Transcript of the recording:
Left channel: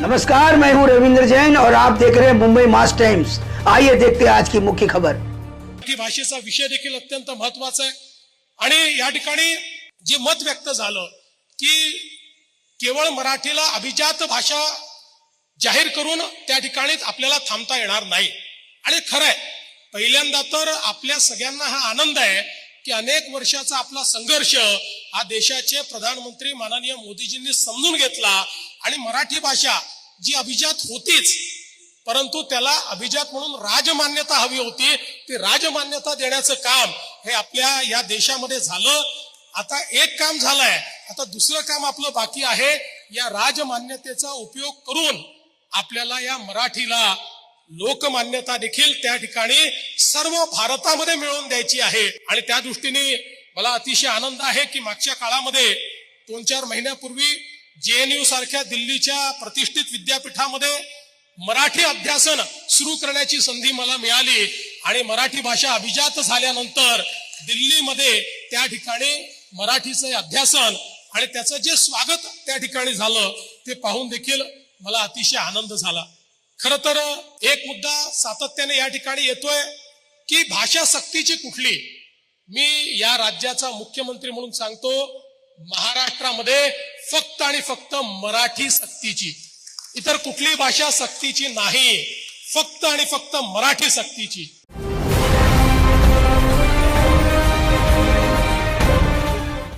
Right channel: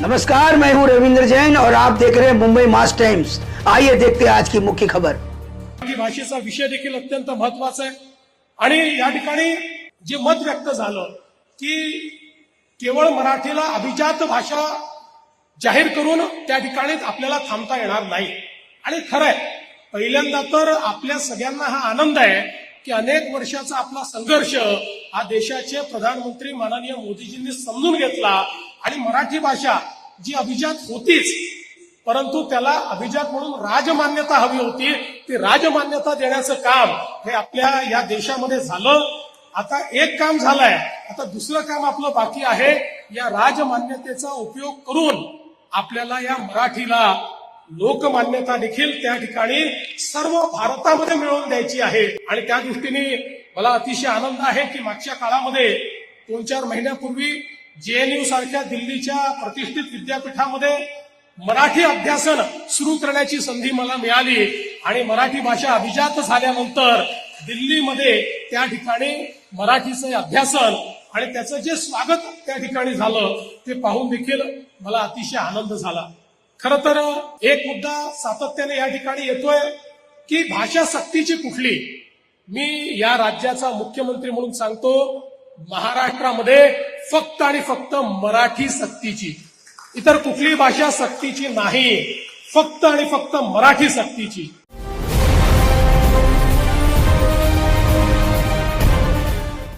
नमस्कार, मैं हूं रविंद्र जैन और आप देख रहे हैं मुंबई मास टाइम्स। आइए देखते हैं आज की मुख्य खबर। भाषेचा विषय देखील अत्यंत महत्त्वाचा आहे आणि या ठिकाणी जे मत व्यक्त झालं की केवळ मराठीला अभिजात भाषा जाहीर करून त्या ठिकाणी आपल्याला थांबता येणार नाही। आणि खरं आहे, पहिल्यांदा तर आपल्या सगळ्यांना हा आनंद आहे की अनेक वर्षाचा आपला संघर्ष हा देशाचे प्रधानमंत्री माननीय मोदीजींनी समजून घेतला आणि मराठी भाषा जी अभिजात होतीच, परंतु त्याला अभिजात म्हणून राजमान्यता हवी होती, ती राजमान्यता देण्याचं काम हे आपल्या या देशामध्ये झालं। आता एक काम झालंय, आता दुसरं काम आपलं बाकी आहे। या राजमान्यतेचा उपयोग करून आपल्याला या मराठीला लोकमान्यता देखील त्या ठिकाणी सर्व भारतामध्ये मिळवून द्यायची आहे। आणि त्या दृष्टीने मला अतिशय आनंद आहे की मागच्या काळामध्ये 2-4 महिन्यापूर्वी JNU सारख्या दिल्लीच्या प्रतिष्ठित विद्यापीठामध्ये मराठी अभ्यासन सुरू करण्याची संधी मला मिळाली आणि मराठी भाषा अभिजात झाल्यानंतर दिल्लीमध्ये त्या ठिकाणी मराठीचे अभ्यासन आणि त्याचं जे स्वागत त्या ठिकाणी झालं ते पाहून देखील मला अतिशय आनंद झाला। खरं तर एक मुद्दा सातत्याने या ठिकाणी येतोय की भाषा सक्तीची कुठली। मी या राज्याचा मुख्यमंत्री म्हणून सांगतो, महाराष्ट्रामध्ये फक्त आणि फक्त मराठी सक्तीची, इतर कुठली भाषा सक्तीची नाही, फक्त आणि फक्त मराठी सक्तीची।